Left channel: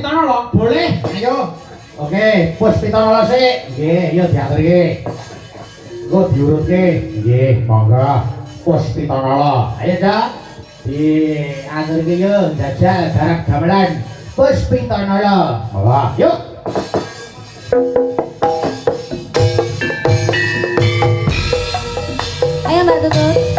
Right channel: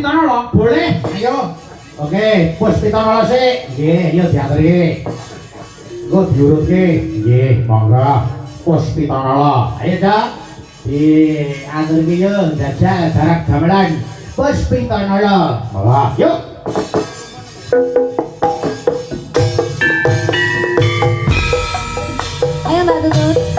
Pitana boleh ayo oke Bos Pitana sik nggih ayo diaturi engko diurutke nggih monggo Bos Pitana ayo dak diaturke yo jajal jarak gamelan Bos Pitana monggo yuk ayo Mbak Tutut.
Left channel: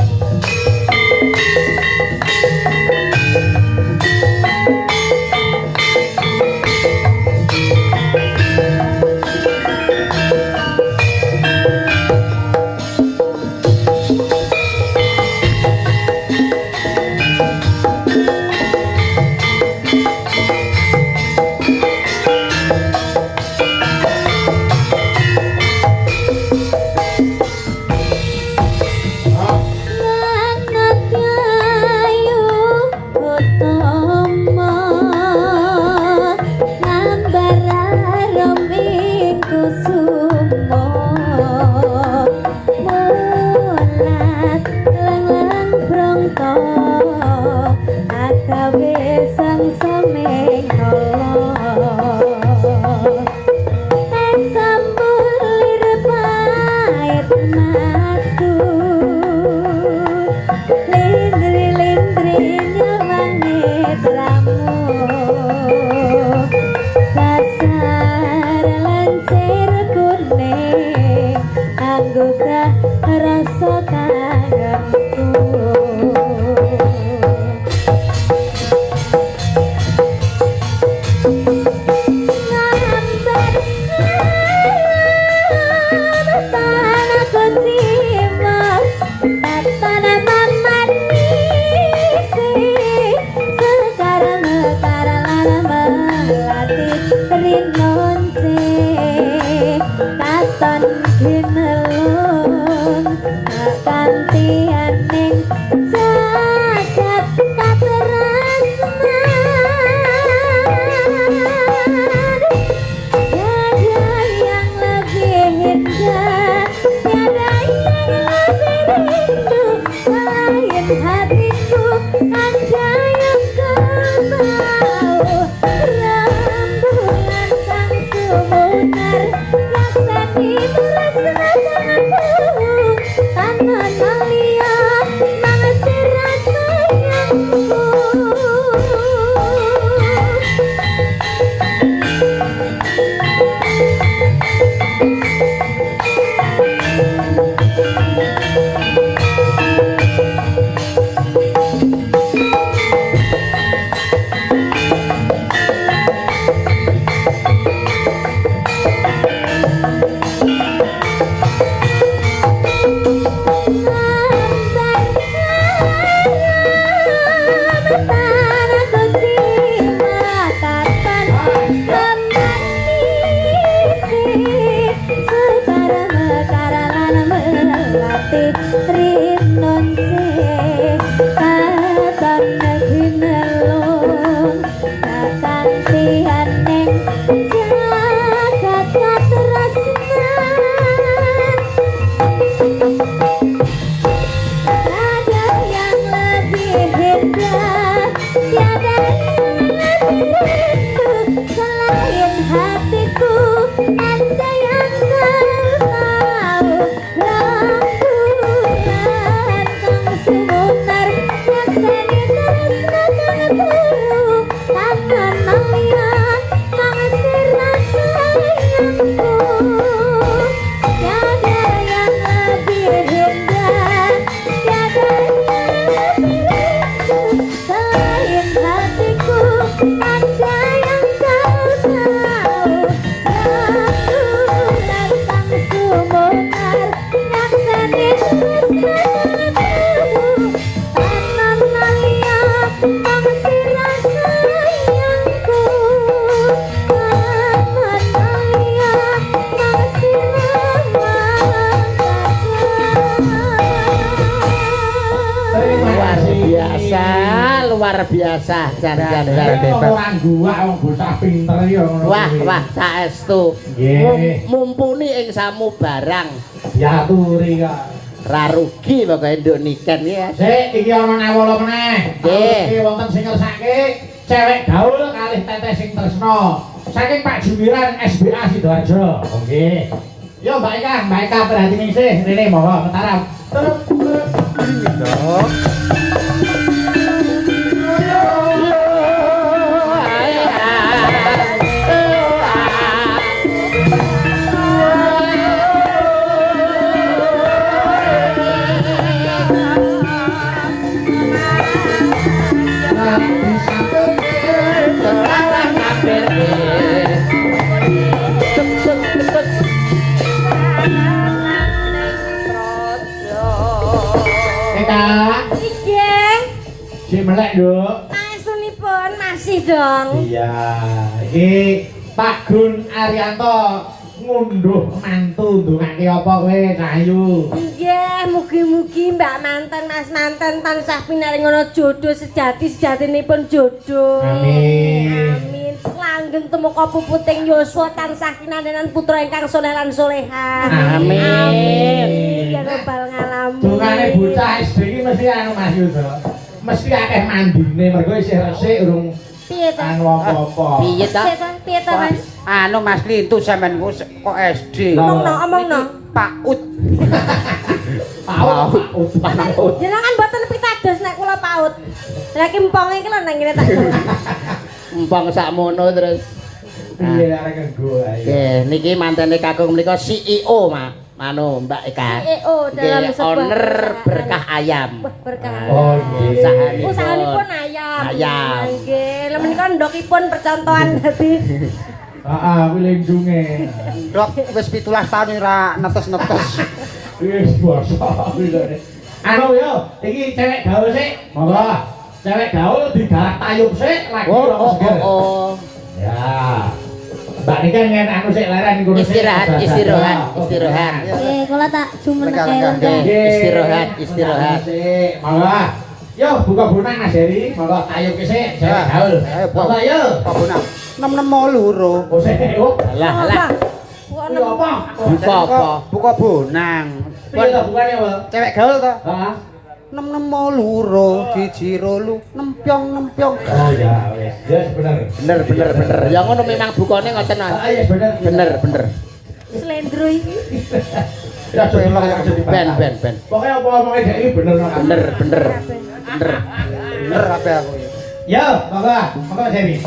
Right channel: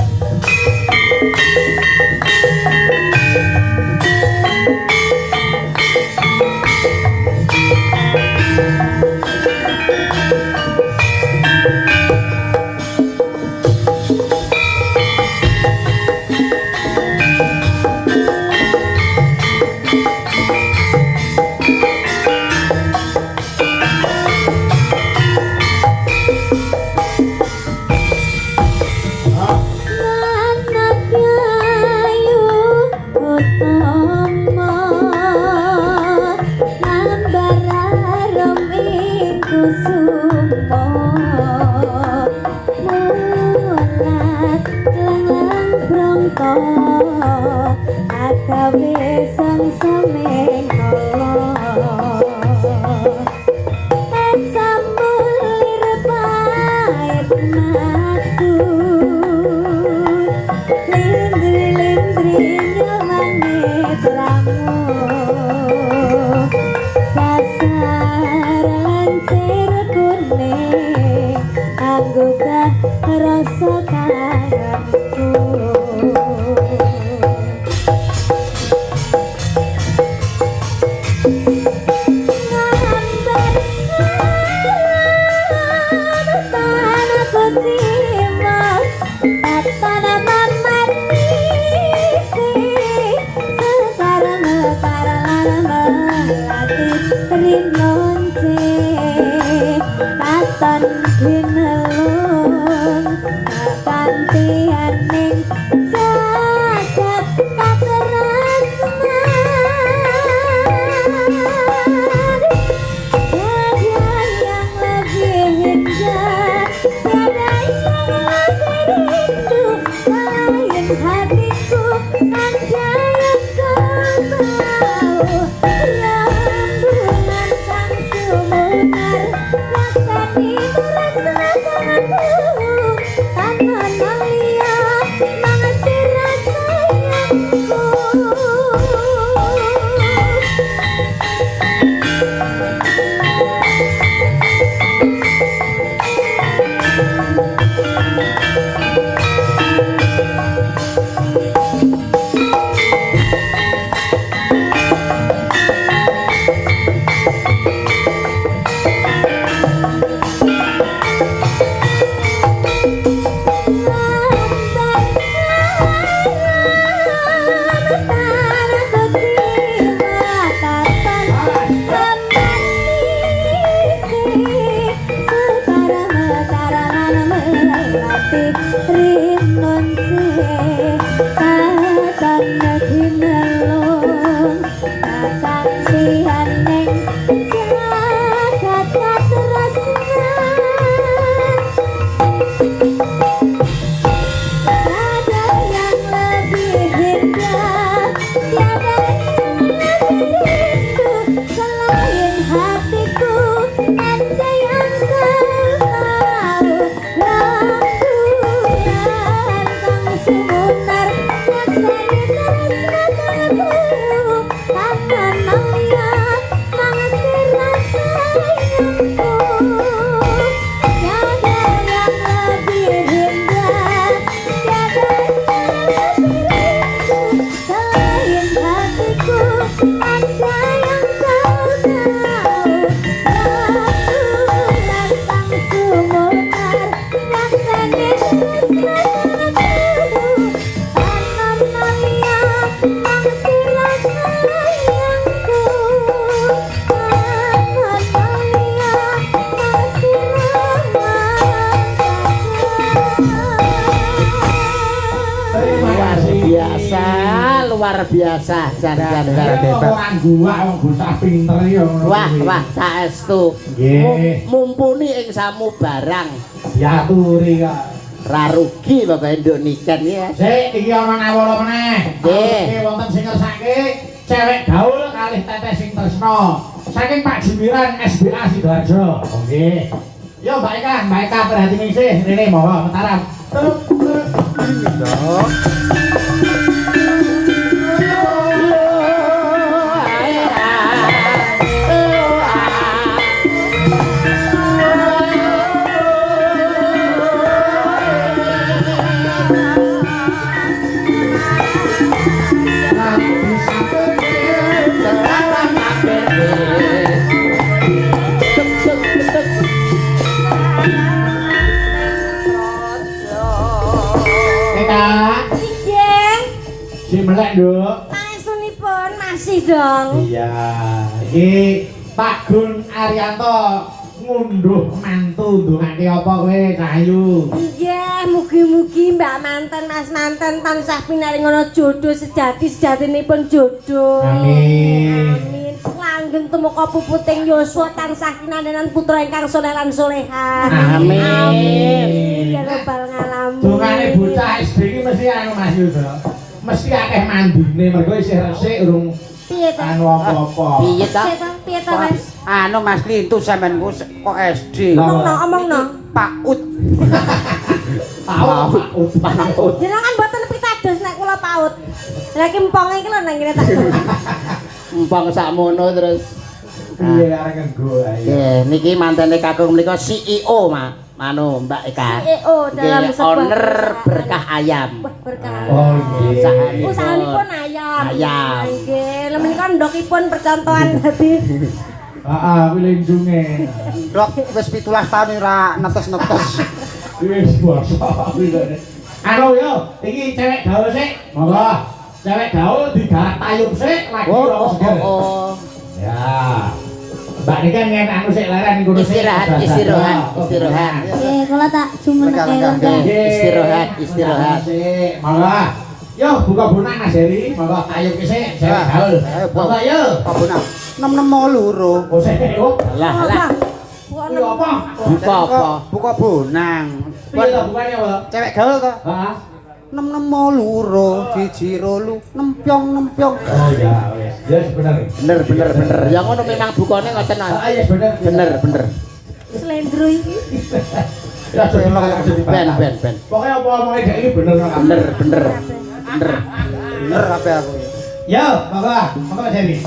biasa jan-jan orang gua wong bocah pinter ya wah saestu mumpuni ing samu barang diaturi kok ra rugi pokoke nduk niken ya sik iki ana nawala meneh nggih wonten sing ngersake cewek gaul kalih teteh sing tresno. Saking Pak Jumiran SBA Sidoarjo. Nggih. Yo Mbak Eka perhatiin sih. Rene monggo Mataram. Si melek Duk. Pangestunipun masih dong. Iya. Iki Pak Gun Arianto ngunduh mantu ndongake apa kowe Cahayu? Nggih, mugi-mugi Mbak manten Mas manten tansah pinaringono jodoh sejati-sejatinipun jodoh. Amin. Amin. Langgeng tumeka puputing yuswa tansah kinandenan putra ingkang saleh lan salehah. Amin. Amin. Ya rabbal alamin. Dongane bocah SD iki mesti anu Mas Yudo. Mesti akeh mandine mergo isih resik urung Piye to? anu apa-apa. Piye ta? Piye to, Mas? Anu Mas Lintu sampean kok SD. Omongno. Paut. Paut. Jenengan mboten pitados nek kula paut. Lah ki emponge iki lho nang ngene tak. Empang sakmono terus. Iya arek nggo ae. Nggih, niki mantene kakung menika CEO, Anu Mbak Eka. CEO dalam Nggih, sebuah owner perusahaan. berkah ayam. Wah, berkah. Oh nggih. Usahanipun ayam. Ayam. Nggih, lha menika ndokipun percontohan dadi Heeh, lindunge. Dok, wis 17 tahun ora netes-netes. Wis basa. Anu yo, iki cewek gaul sik. Monggo. Cewek gaul digarap tayub sik lagi ora seger. Ya. Mbak niki ngen anu sik leren niku Istirahat. kula tak jumeneng. Istirahat. Monggo. Yo buka bunak Mas Heri, monggo tayub ki sik cewek gaul. Monggo yo. Kabuna. 662. Oh sik yo. Lah. Yo apa? Buka apa? Buka bonang. Piye to bukane, Pak? Cewek gaul to? Heeh. 662 siji rolu nempyong. Oh ya wis. Yes bener. Bener. Ya ngono memang bukane ngoten Mas. Ah yes bener. Bener. Slendro iki. Ya Ben. Pokoknya apa omongnya dia ini bener. Bener apa aku. Ya, monggo Jerry.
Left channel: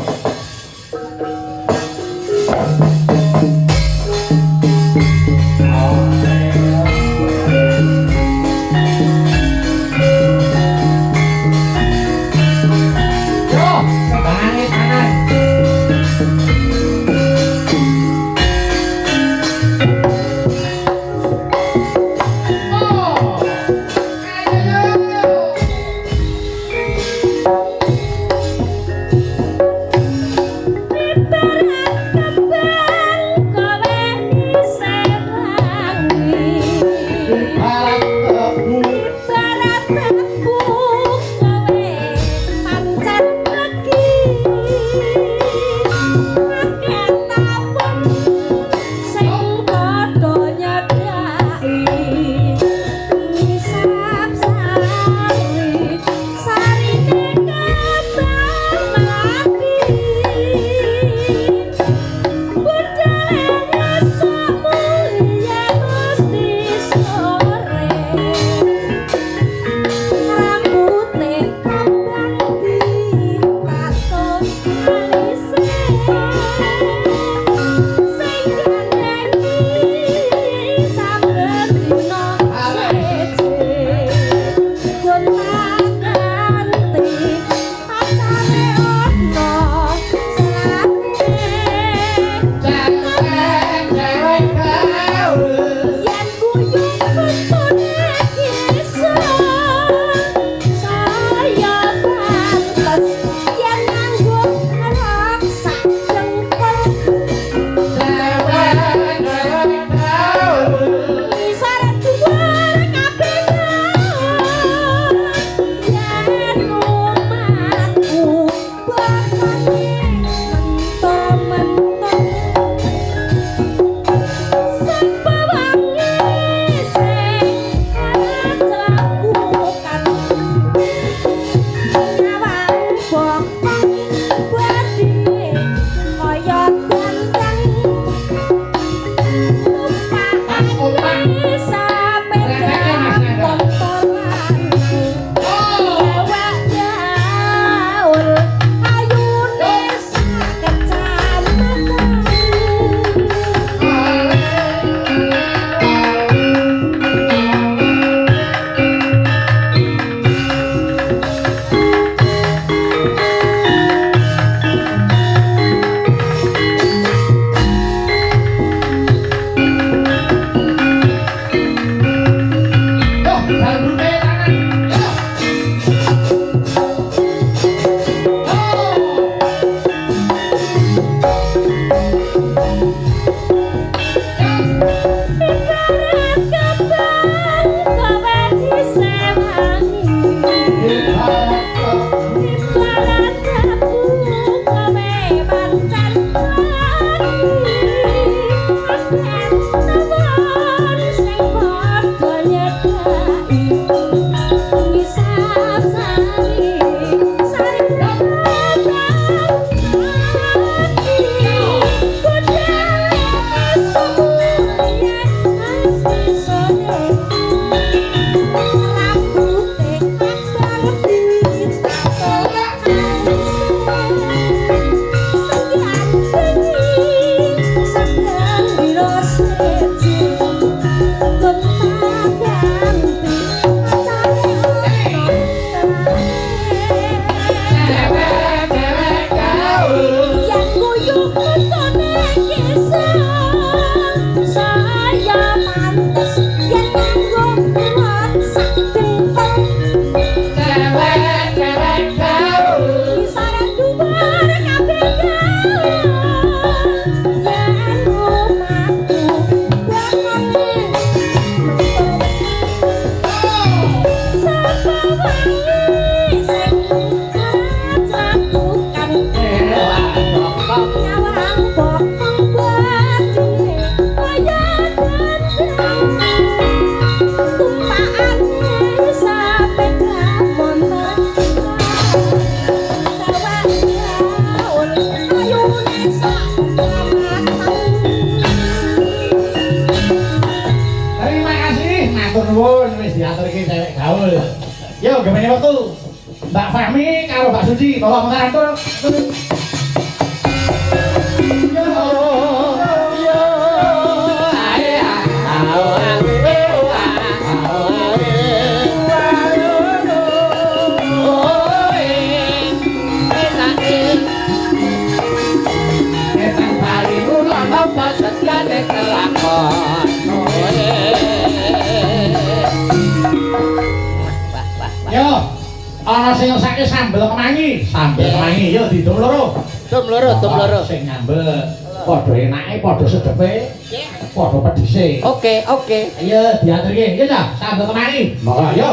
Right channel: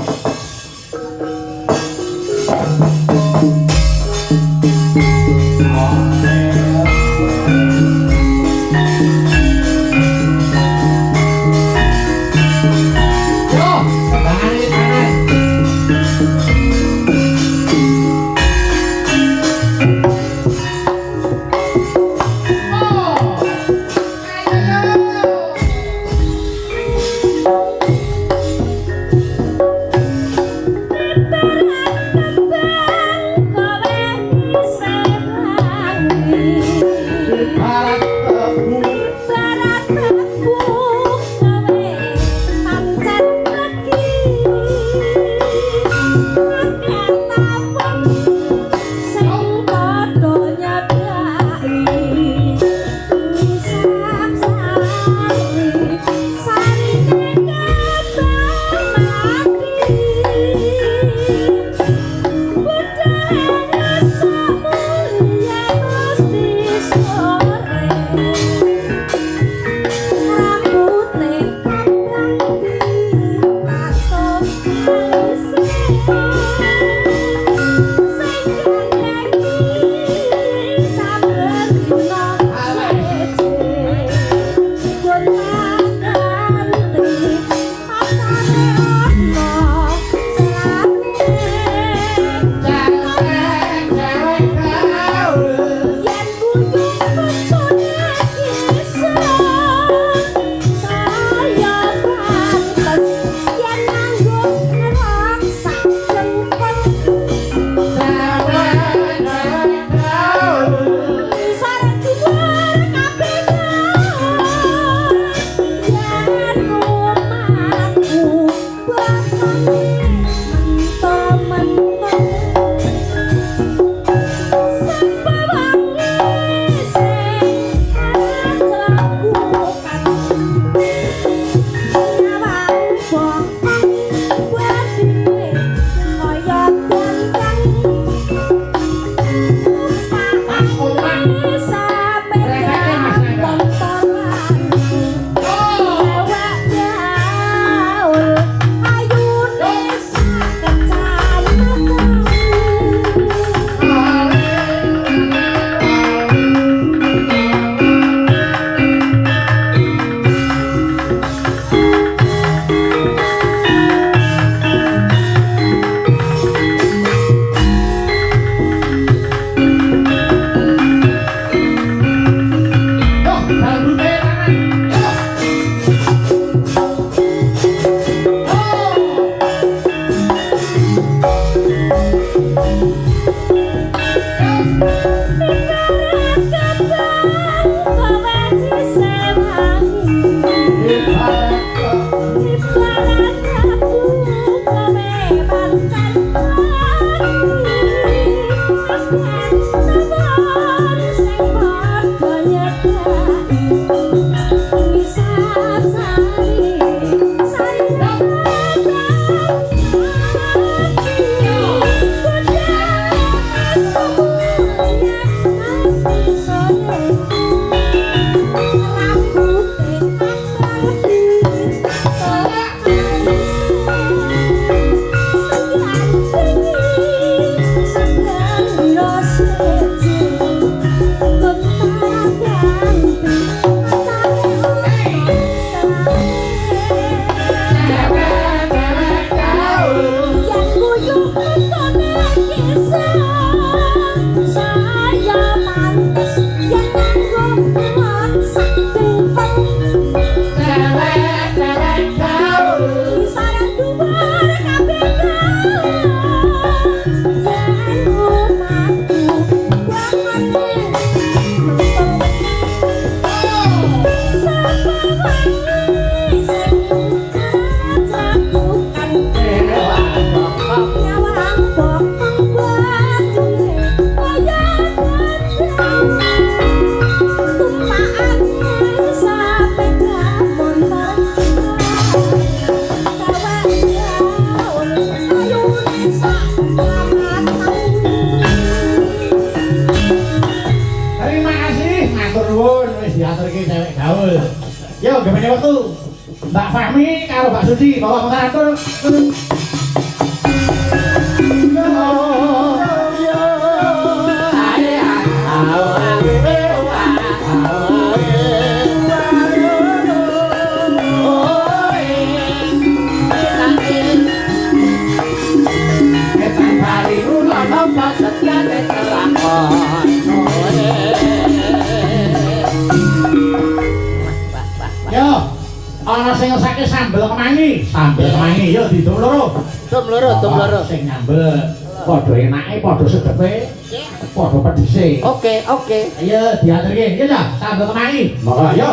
Kembang Bene waktu Mbak Fahmi karo Mbak Suci bawa mengatur. Ana sing ngesake sambel kemangi, yo didum loro. Dum loro. Sing nyambel padha enake, padha sedepe, padha pedhise. Oke. Ayo diaturke, yo ta, sambel kemangi. Monggo yo.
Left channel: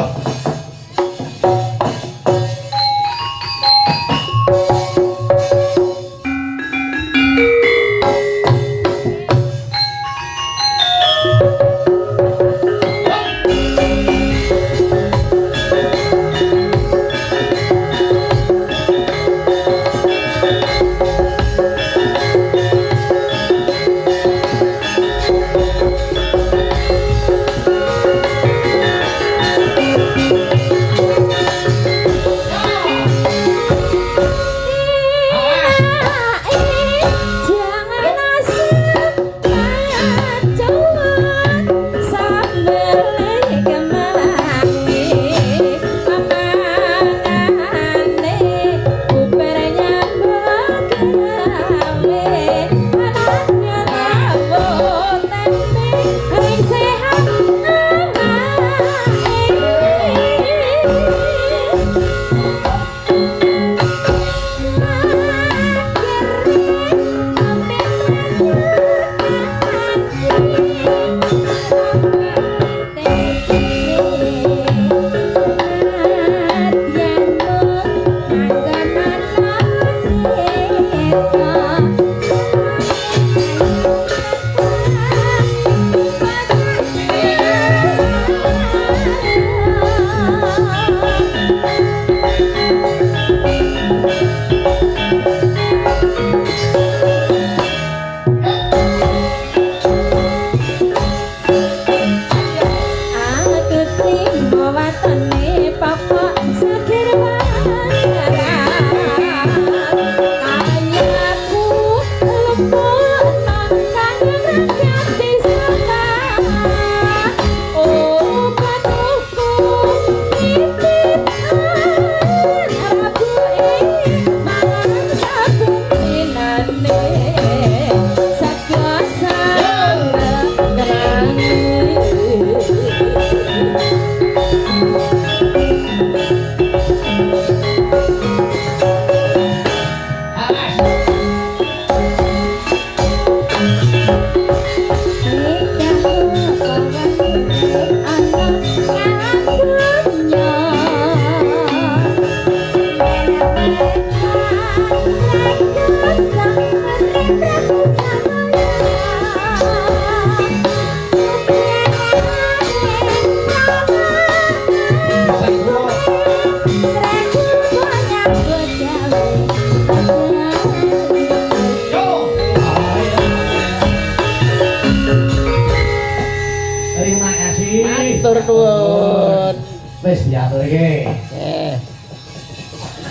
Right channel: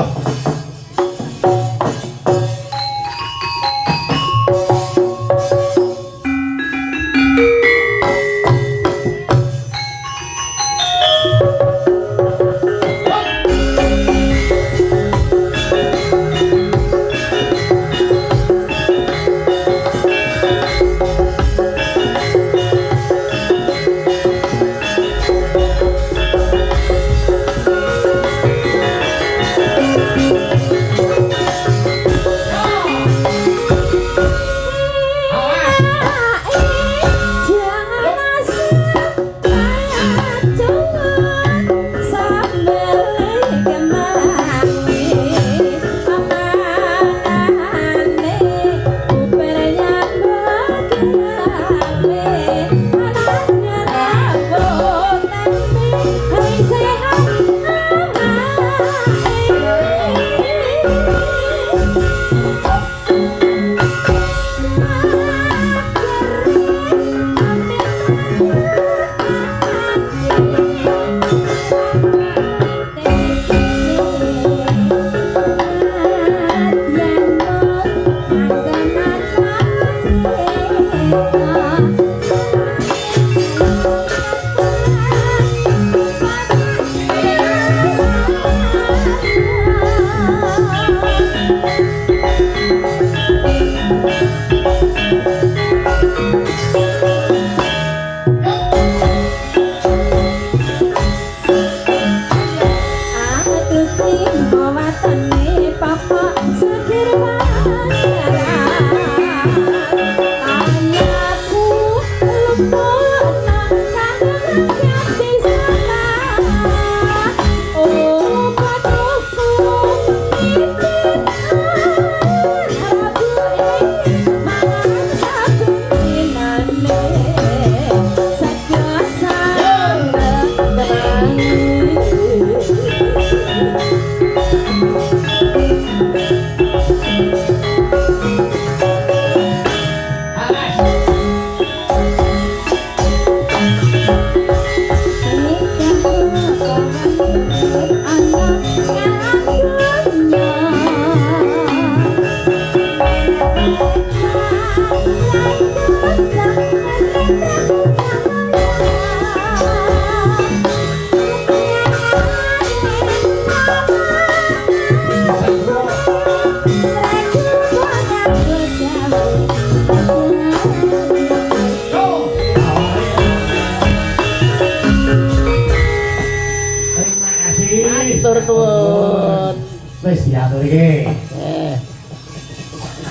Wis diaturke.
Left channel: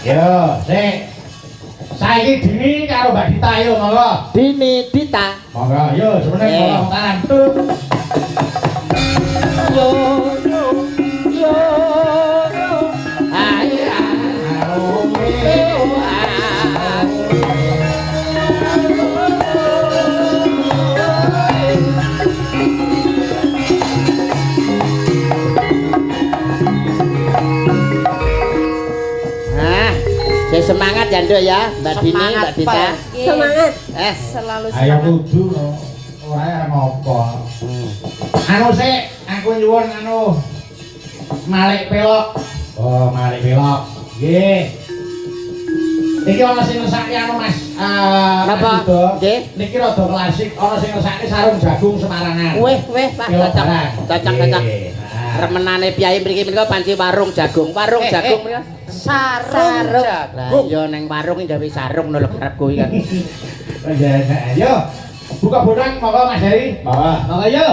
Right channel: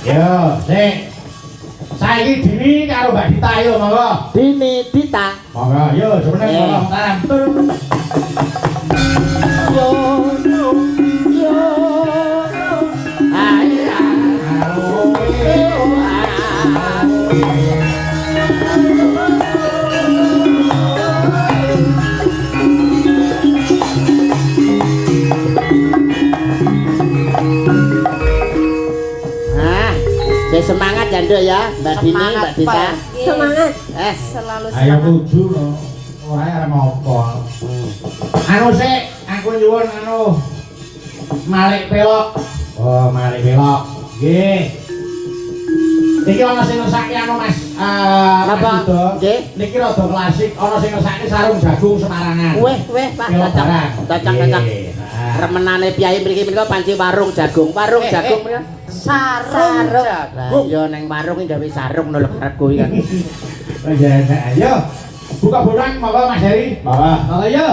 Yo, sing saiki Dini karo Mbak Dita yo monggo. Dini Dita. Monggo yo jenenge monggo tanam. Yo. Semangat ya Nduk ya, Mbak Dini, Mbak Dita. Semangat. Selalu semangat. Ayo kudu no. Ora arep apa. Anu sik, aku nyuwun anu Malik Pelok. Oh, Malik Pelok. Nggih. Iki ana sing ngesake anu Mas. Napa? Nggih. Niki rada klasik, ana sing ngesake sarung jagung Semarangan. Weh, Pak. Cocok. Remenane piyai mriki menika panci warung jagung. Warung jagung ya. Sarung. Lah iya ning warung iki gawe sarung lho karepku iki kan. Ayo. Buka bodang monggo Mas Heri. Monggo. Monggo yo.